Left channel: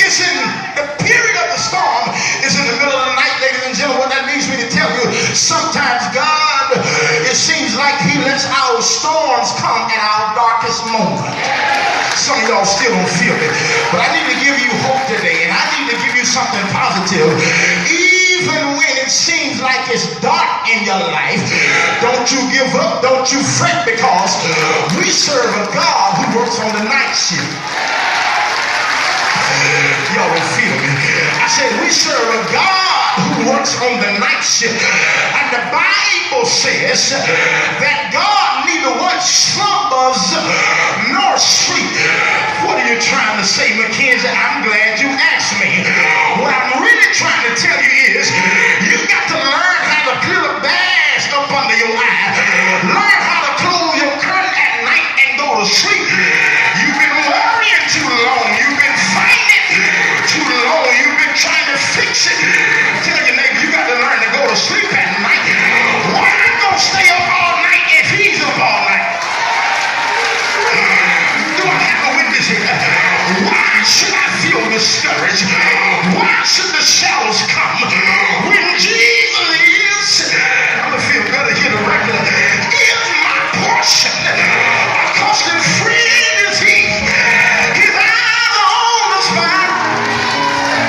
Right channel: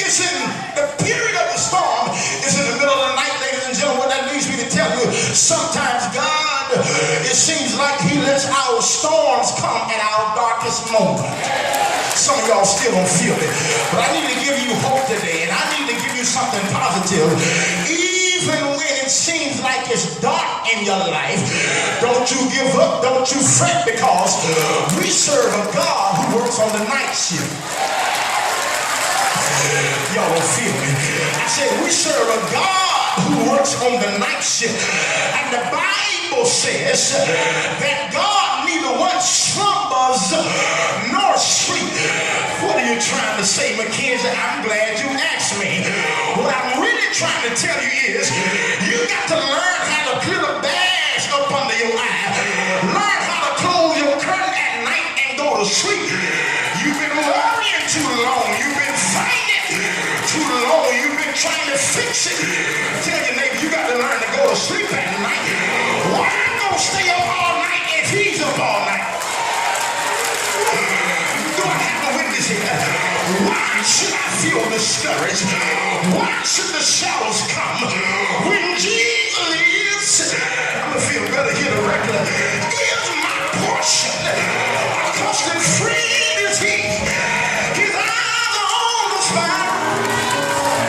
It's in the period of the storm. It's in the middle of the night, ladies and gentlemen. What that means me to tell you, sometimes God, it seems like he lets our storms come at our darkest moment. Some of y'all still don't feel it, but I need to give you hope today, and I need to give you something positive. Even when it seems like it's dark in your life, don't you give up, don't you fret, because we serve a God who works on the night shift. Y'all don't feel me. I said we serve a God who works on the night shift. And the Bible says that God neither once slumbers nor sleep. What are you trying to say, Mckenzie? I'm glad you asked me. What I'm really trying to tell you is you got to learn how to put a badge up under your eye. Learn how to close your curtain at night and go to sleep. You've been worrying too long. You've been fighting too long. You've been trying to fix it. Tell your neighbor, you got to learn to go to sleep at night. Why am I going to stay up all night if he's up all night? Do I have a witness here? Why should I feel discouraged? Why should the shadows come when Jesus is? I'm going to feel better here to record. Is my portion. A constant friend is he. His eyes are on the spot.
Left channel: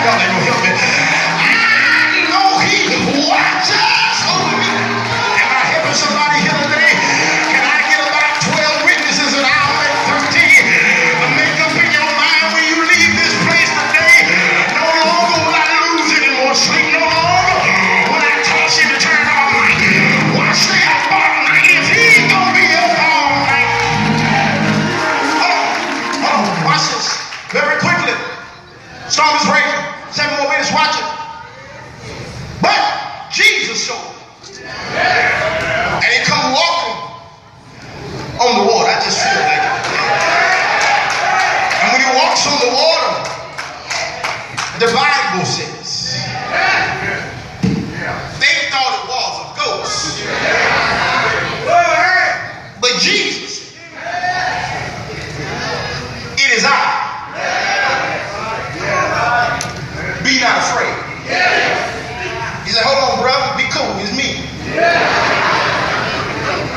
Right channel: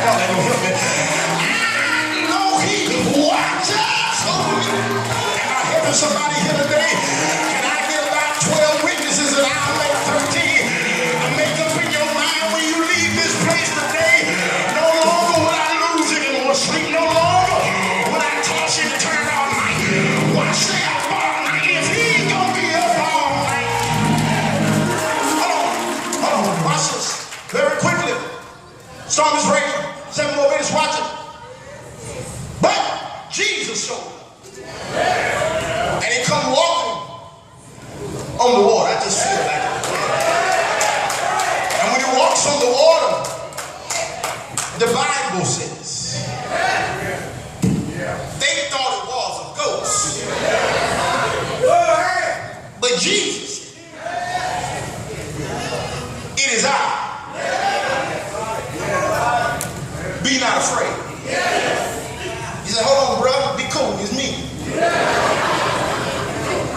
Y'all ain't gonna help me. I know he watches over me. Am I helping somebody here today? Can I get about 12 witnesses and I'll make 13 to make up in your mind when you leave this place today? No longer will I lose any more sleep. No longer will I toss you to turn all night. Why stay up all night if he's gonna be up all night? Hold on, watch this very quickly. Storm is raging. 7 more minutes, watch it. But Jesus showed up. And he come walking on the water. I just feel like it. And when he walks on the water, the Bible says they thought it was a ghost. But Jesus, it is I. Be not afraid. He said, hold on, brother, be cool, it's me.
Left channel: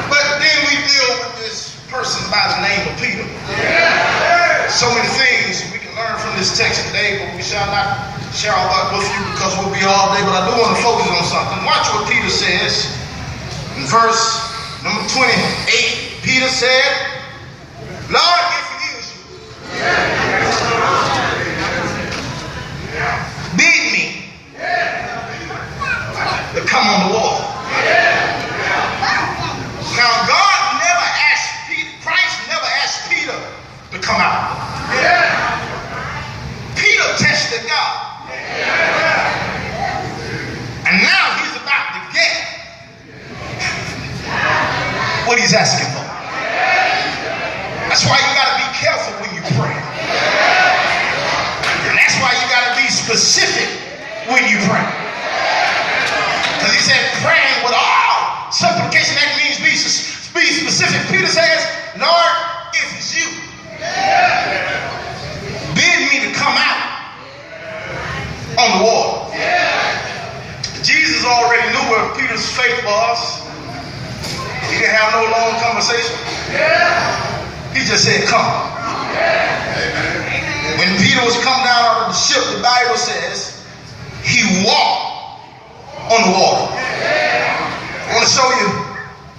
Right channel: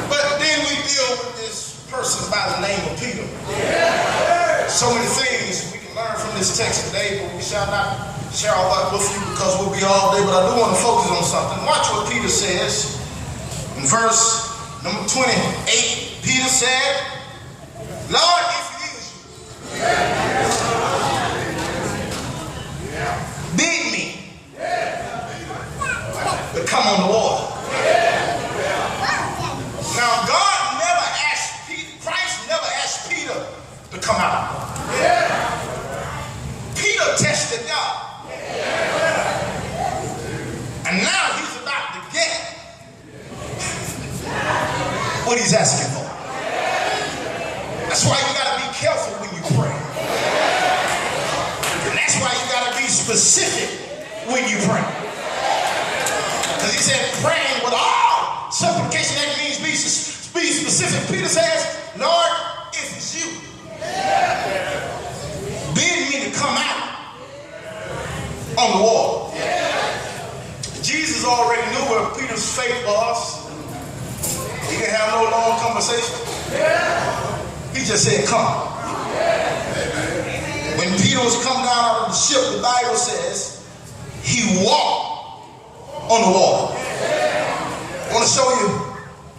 But then we deal with this person by the name of Peter. So many things we can learn from this text today, but we shall not share all that with you because we'll be all day. But I do want to focus on something. Watch what Peter says in verse number 28. Peter said, Lord, if it is you, bid me to come on the water. Now God never asked Peter, Christ never asked Peter to come out. Peter tested God. And now he's about to get what he's asking for. That's why you got to be careful when you pray. And that's why you got to be specific when you pray. Because he said praying with all supplication, that means be specific. Peter says, Lord, if it's you, bid me to come out on the water. Jesus already knew where Peter's faith was. He didn't have no long conversation. He just said, come. When Peter was coming down out of the ship, the Bible says he walked on the water. I want to show you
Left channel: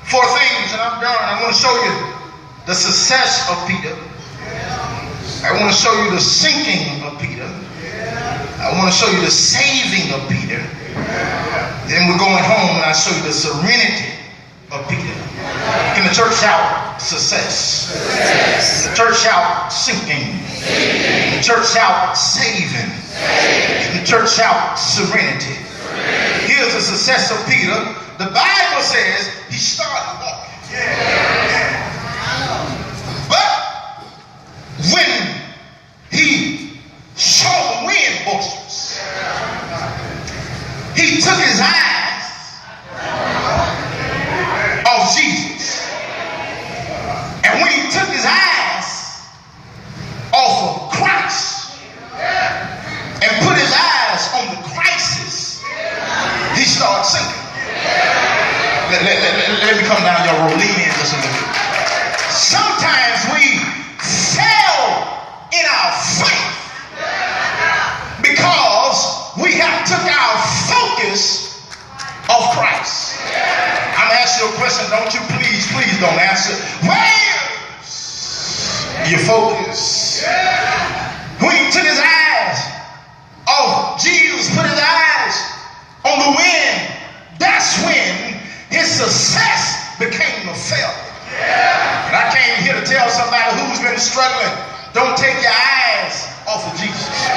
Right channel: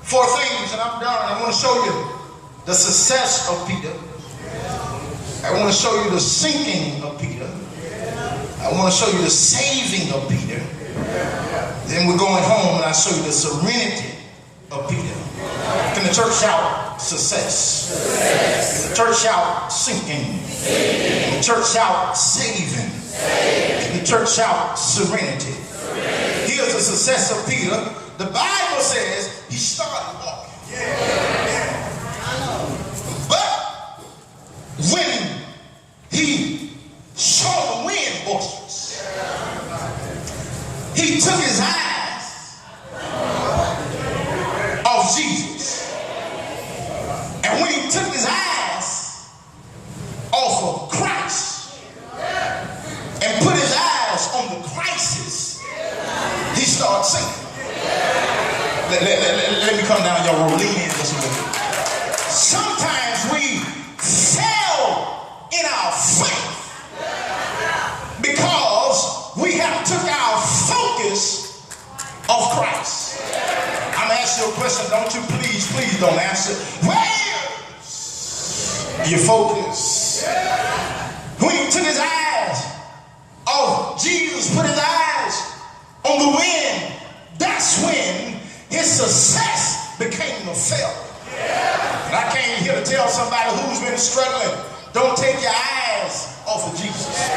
4 things, and I'm done. I want to show you the success of Peter. I want to show you the sinking of Peter. I want to show you the saving of Peter. Then we're going home, and I show you the serenity of Peter. Can the church shout success? The church shout sinking. The church shout saving. Can the church shout serenity? Here's the success of Peter. The Bible says he started walking. But when he saw the wind boisterous, he took his eyes off Jesus. And when he took his eyes off of Christ, Let me come down your road. Lean in just a little bit. Sometimes we fail in our faith because we have took our focus off Christ. I'm asking you a question. Don't you please don't answer. Where's your focus? When he took his eyes off Jesus, put his eyes on the wind, that's when his success became a failure. And I came here to tell somebody who's been struggling, don't take your eyes off of Jesus.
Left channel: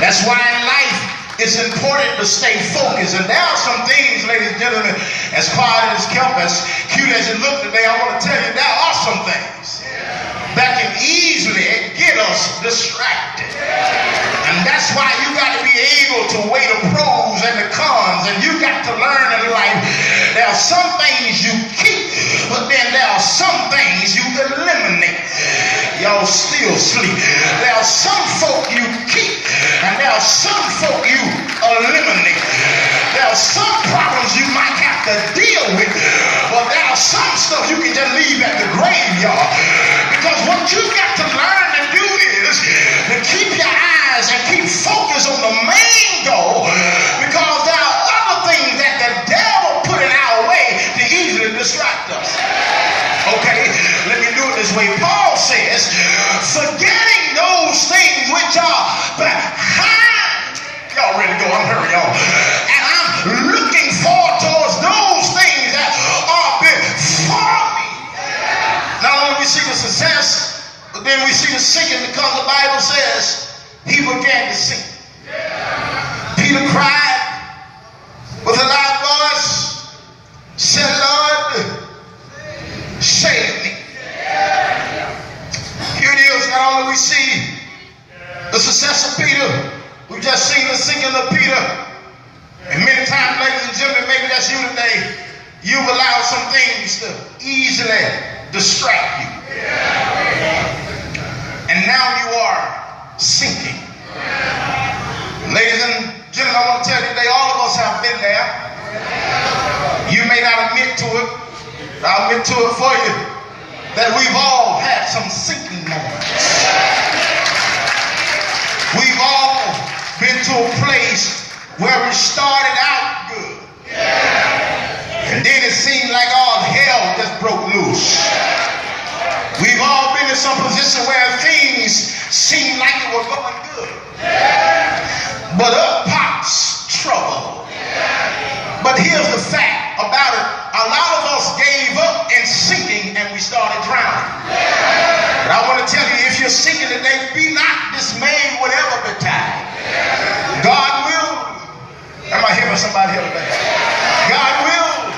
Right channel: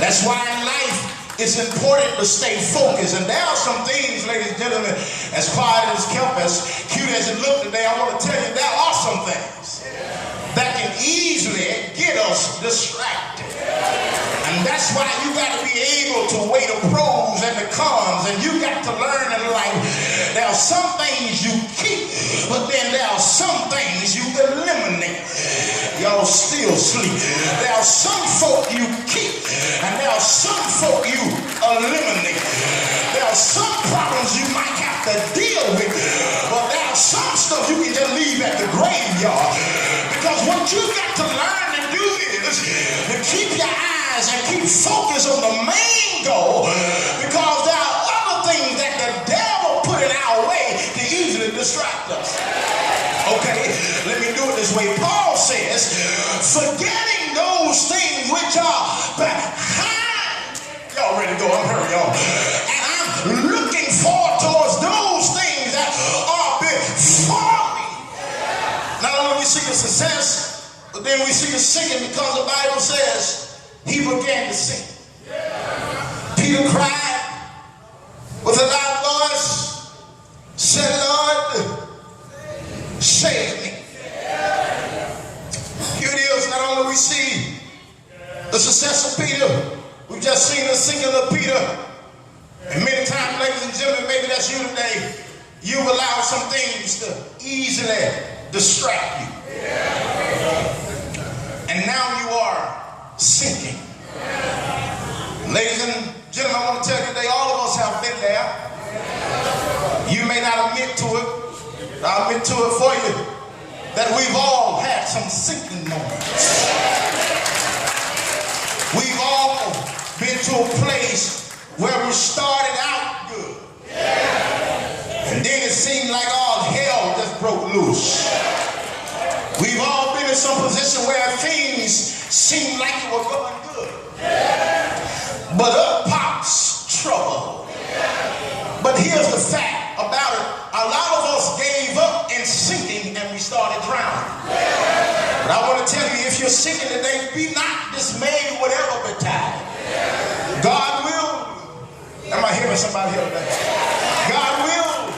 That's why in life it's important to stay focused. And there are some things, ladies and gentlemen, as quiet as kept, as cute as it looked today, I want to tell you there are some things that can easily get us distracted. And that's why you got to be able to weigh the pros and the cons. And you got to learn in life, there are some things you keep, but then there are some things you eliminate. Y'all still sleep. There are some folk you keep, and there are some folk you eliminate. There are some problems you might have to deal with, but there are some stuff you can just leave at the graveyard. Because what you got to learn to do is to keep your eyes and keep focus on the main goal, because there are other things that the devil put in our way to easily distract us. Okay, let me do it this way. Paul says, forgetting those things which are behind. Y'all ready to go? I'm hurrying y'all. And I'm looking forward towards those things that are before me. Not only we see the success, but then we see the sinking, because the Bible says he began to sink. Peter cried with a loud voice, said, Lord, save me. Here it is. Not only we see the success of Peter, we've just seen the sinking of Peter. And many times, ladies and gentlemen, maybe that's you today, you've allowed some things to easily distract you. And now you are sinking. Ladies and gentlemen, I want to tell you today, all of us have been there. You may not admit to it, but I'll admit to it for you, that we've all had some sinking moments. We've all been to a place where we started out good, and then it seemed like all hell just broke loose. We've all been in some position where things seemed like it was going good, but up pops trouble. But here's the fact about it. A lot of us gave up in sinking and we started drowning. But I want to tell you, if you're sinking today, be not dismayed, whatever betide. God will. Am I hearing somebody here today? God will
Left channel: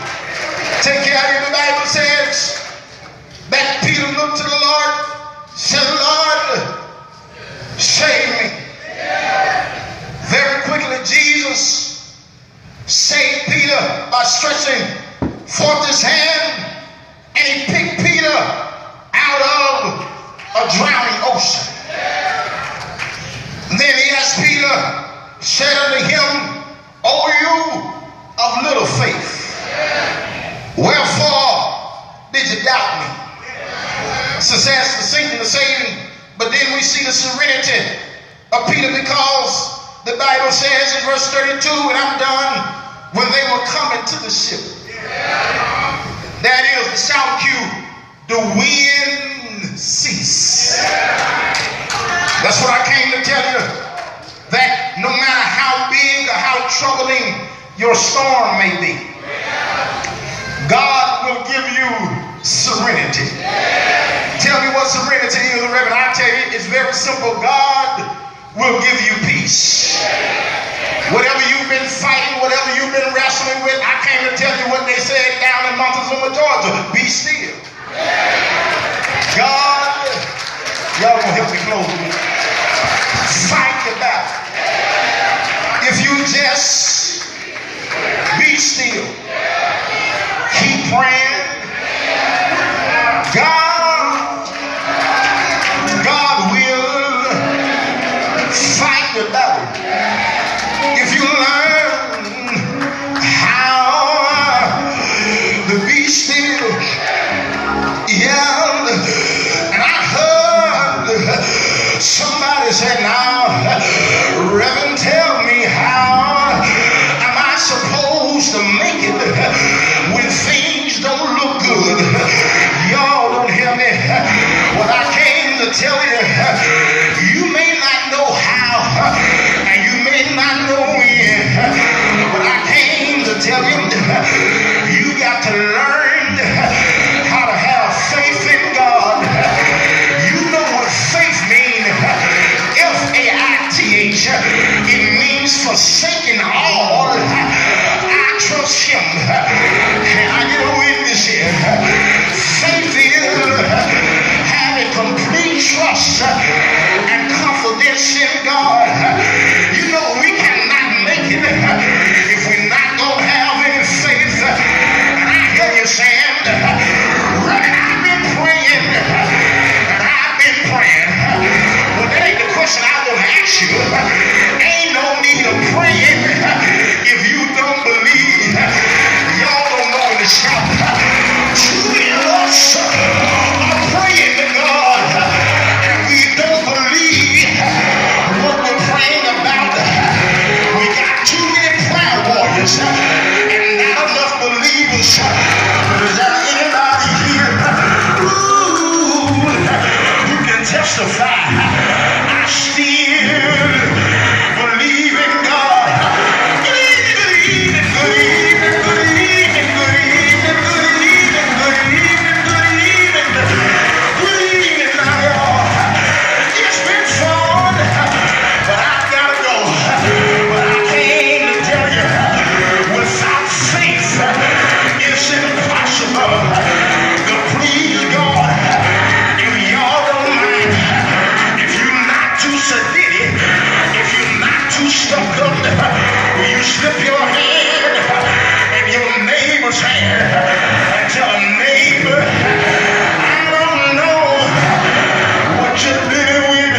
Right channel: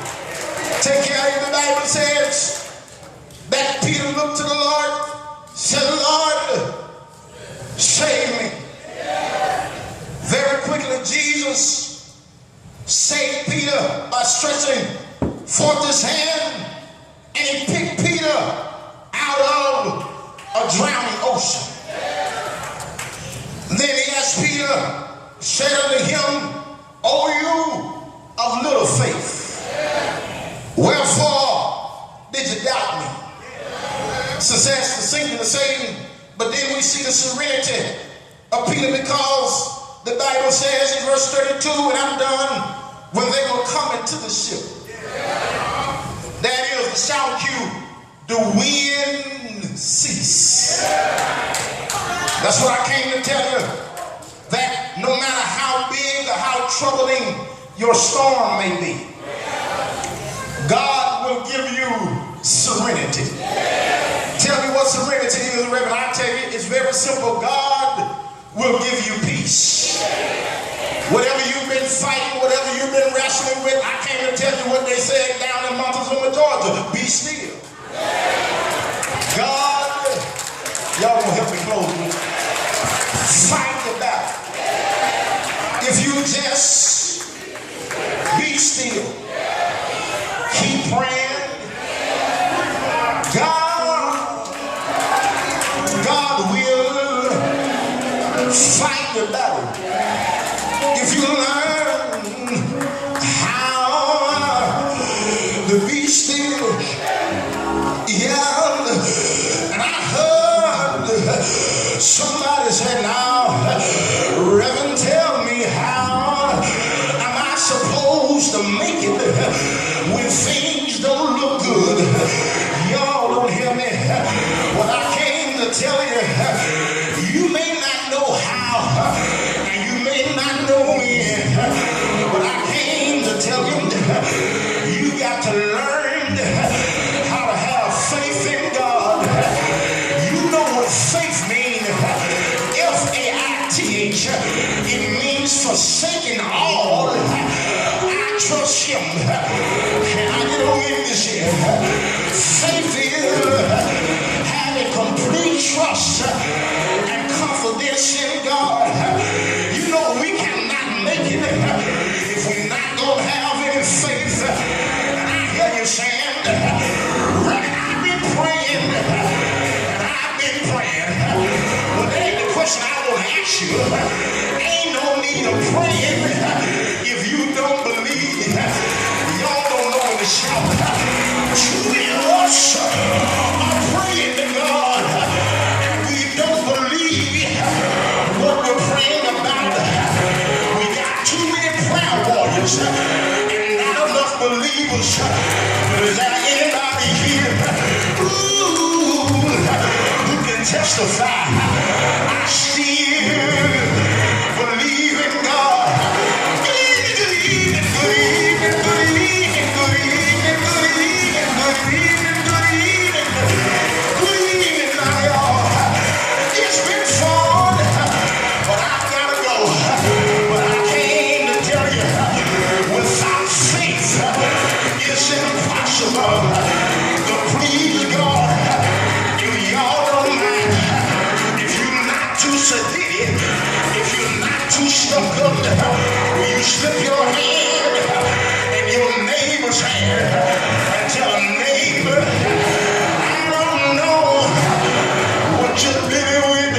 take care of you. The Bible says that Peter looked to the Lord, said, Lord, save me. Very quickly, Jesus saved Peter by stretching forth his hand, and he picked Peter out of a drowning ocean. And then he asked Peter, said unto him, O you of little faith, wherefore did you doubt me? Success, the sinking, the saving, but then we see the serenity of Peter, because the Bible says in verse 32, and I'm done, when they were coming to the ship, that is the shout cue, the wind ceased. That's what I came to tell you, that no matter how big or how troubling your storm may be, God will give you serenity. Tell me what serenity is, Reverend. I tell you, it's very simple. God will give you peace. Whatever you've been fighting, whatever you've been wrestling with, I came to tell you what they said down in Montezuma, Georgia. Be still. God, y'all gonna help me close with it. Fight the battle. If you just be still, keep praying. God will fight the battle. If you learn how said, now, Reverend, tell me how am I supposed to make it when things don't look good? Y'all don't hear me. What I came to tell you, you may not know how, and you may not know when. What I came to tell you, you got to learn how to have faith in God. You know what faith means. F-A-I-T-H. It means forsaking all. I trust him. Can I get a witness here? Faith is having complete trust and confidence in God. You know we cannot make it if we're not going to have any faith. And I hear you saying, I've been praying, and I've been praying. Well, that ain't the question I want to ask you. Ain't no need of praying if you don't believe. Y'all don't know when to shout. Too many of us are praying to God, and we don't believe what we're praying about. We got too many prayer warriors and not enough believers. Is there anybody here? Ooh, you can testify. I still believe in God. Good evening, good evening, good evening, good evening, good evening, good evening, good evening, good evening, now y'all. It's been fun, but I gotta go. But I came to tell you, without faith, it's impossible to please God. If y'all don't mind, if you're not too sedated, if you're not too stuck up, will you slip your hand in your neighbor's hand and tell a neighbor, I don't know what you're living with.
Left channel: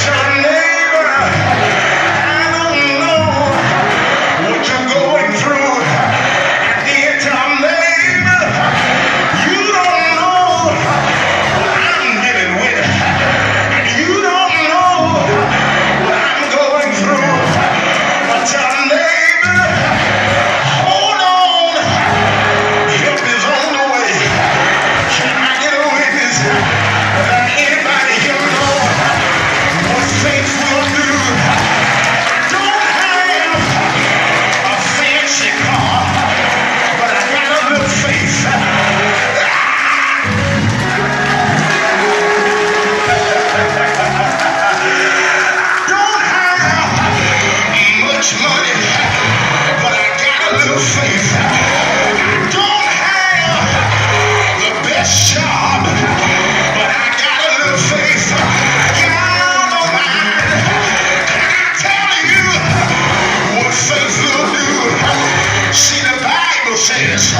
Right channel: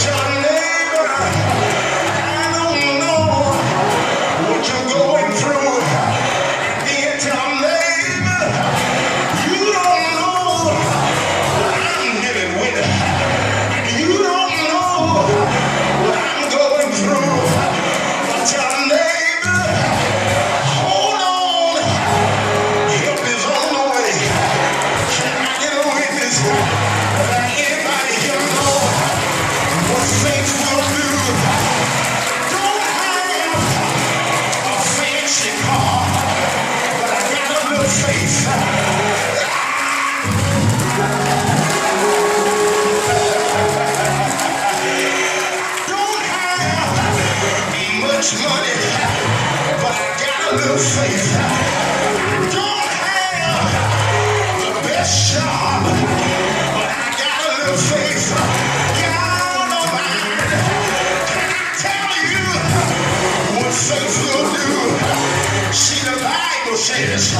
Tell a neighbor, I don't know what you're going through. And then tell a neighbor, you don't know what I'm living with. And you don't know what I'm going through. But tell a neighbor, hold on, help is on the way. Can I get a witness? Without anybody here know what faith will do? I don't have a fancy car, but I got a little faith. Don't have much money, but I got a little faith. Don't have the best job, but I got a little faith. Y'all don't mind. Can I tell you what faith will do? See, the Bible says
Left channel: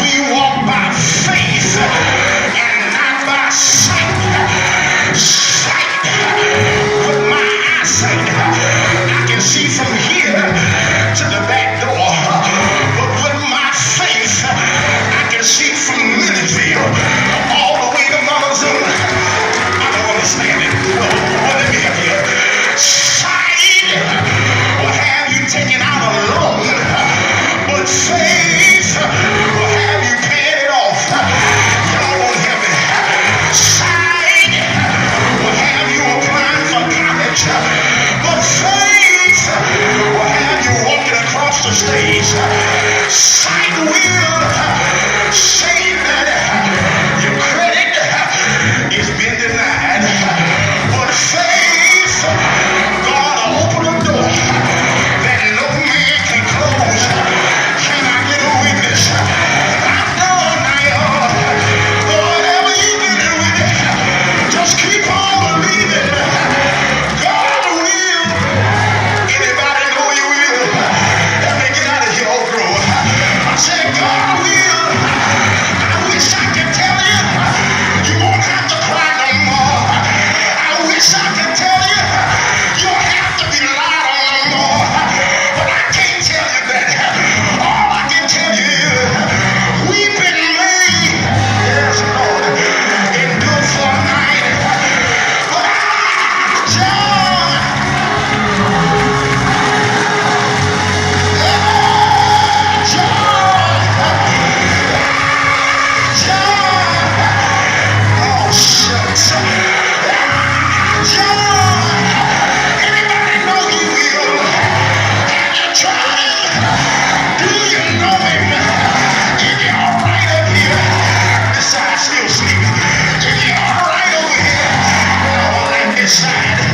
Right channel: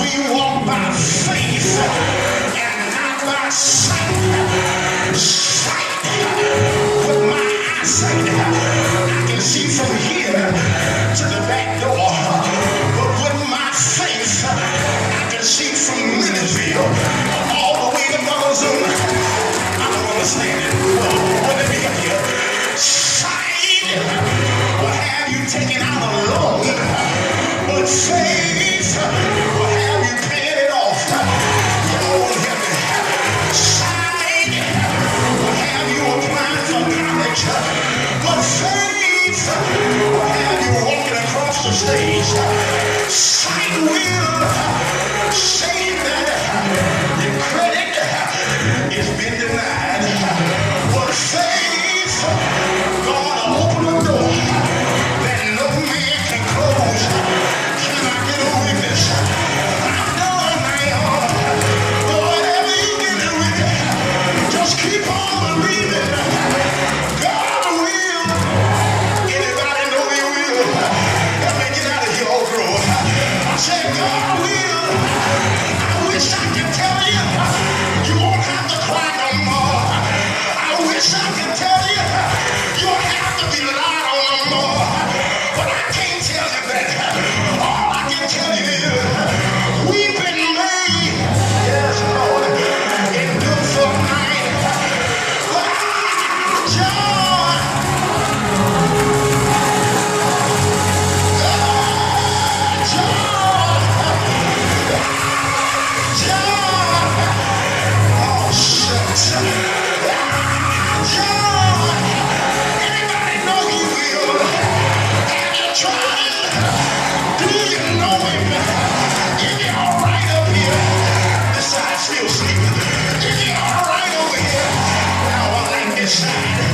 we walk by faith and not by sight. Sight with my eyesight, I can see from here to the back door. But with my faith, I can see from Mckenzie all the way to Montezuma. I don't understand it. Well, let me help you. Sight will have you taken out a loan, but faith will have you paying it off. Y'all won't hear me. Sight will have you applying for college, but faith will have you walking across the stage. Sight will say that your credit has been denied, but faith, God will open a door that no man can close. Can I get a witness? I know now, whatever you get with it, just keep on believing. God will. Anybody know he will? Let me get out of here, old bro. I said God will.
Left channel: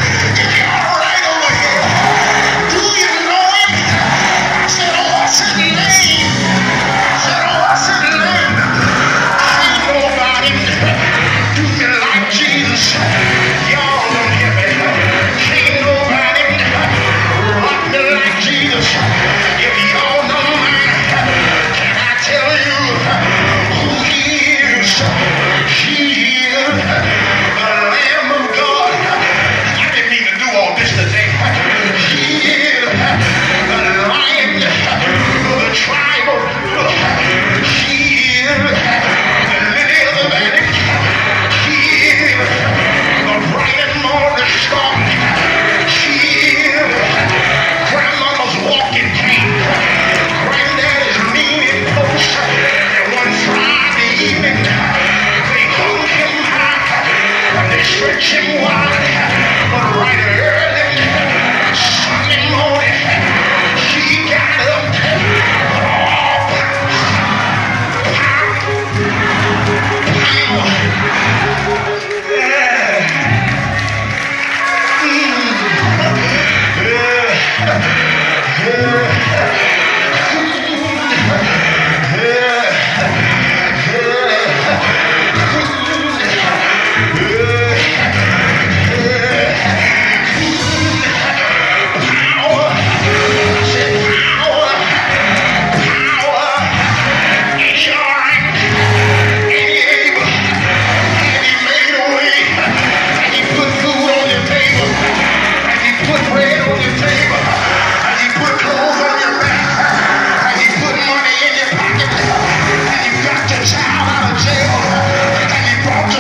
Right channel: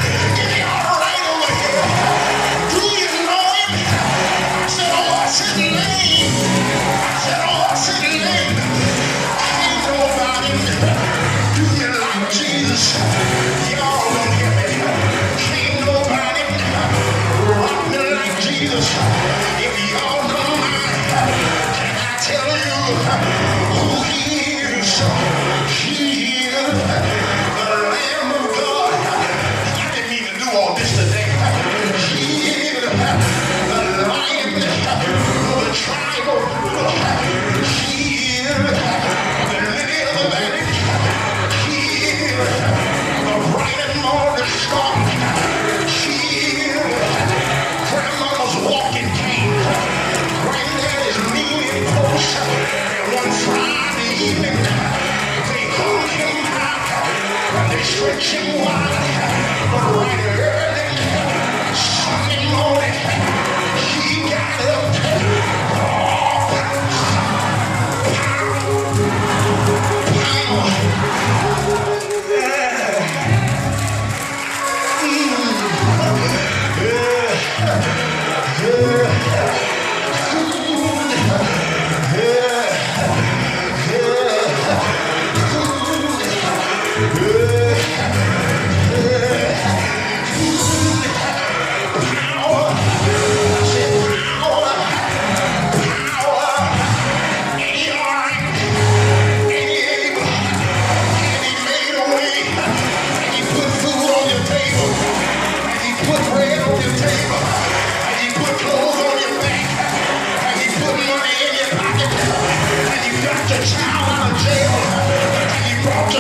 Is he all right over here? Do you know him? I said, oh, what's his name? I said, oh, what's his name? I know about him. Do you like Jesus? Y'all don't hear me. Can't nobody rock me like Jesus. If y'all know mine, can I tell you who he is? He is the Lamb of God. I didn't mean to do all this today. He is the Lion of the tribe of Judah. He is the Lily of the Valley. He is the bright and morning star. He is grandmama's walking cane. Granddaddy's kneeling post. And one Friday evening, they hung him high. They stretch him wide. But right early Sunday morning, he got up.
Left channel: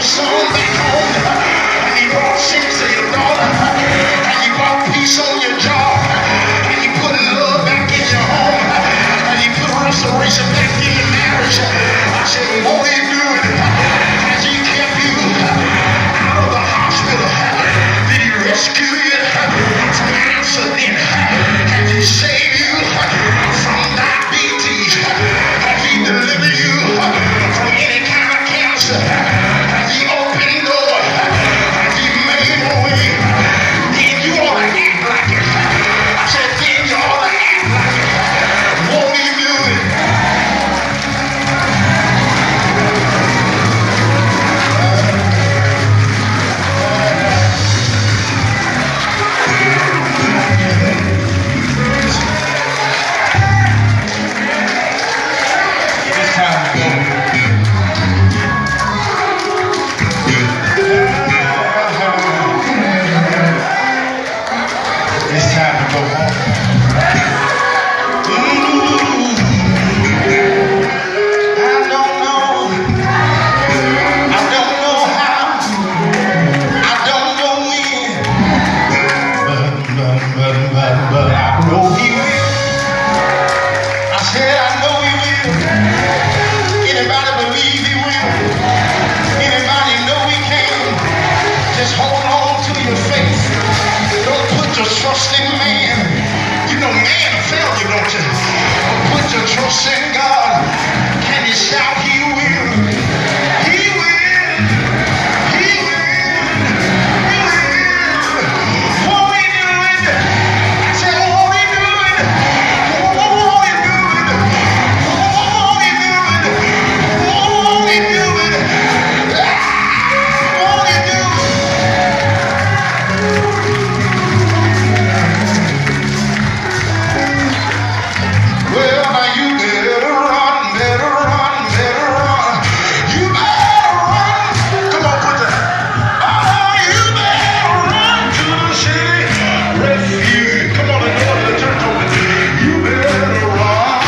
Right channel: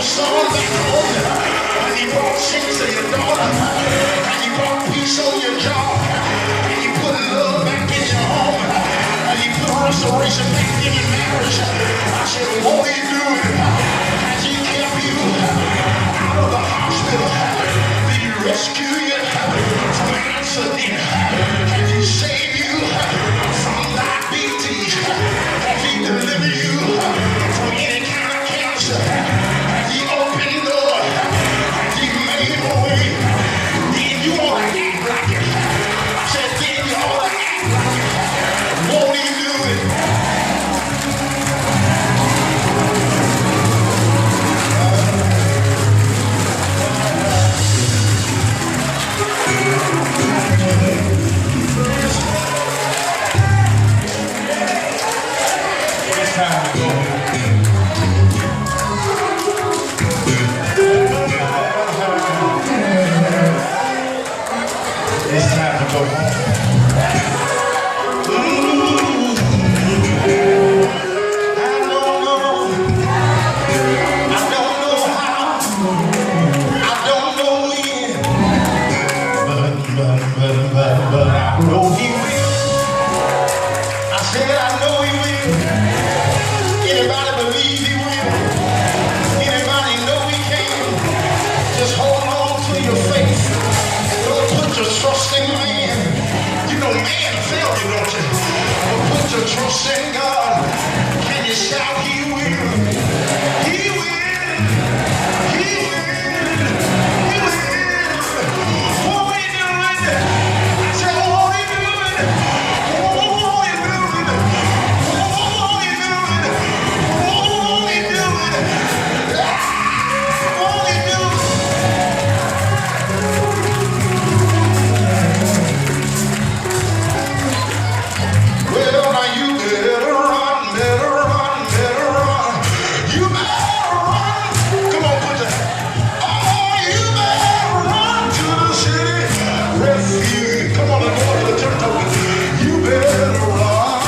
Son back home, and he brought sense to your daughter, and he brought peace on your job, and he put love back in your home, and he put restoration back in your marriage. I said, won't he do it? As he kept you out of the hospital, did he rescue you from an accident? Has he saved you from diabetes? Has he delivered you from any kind of cancer? But I know he will. I said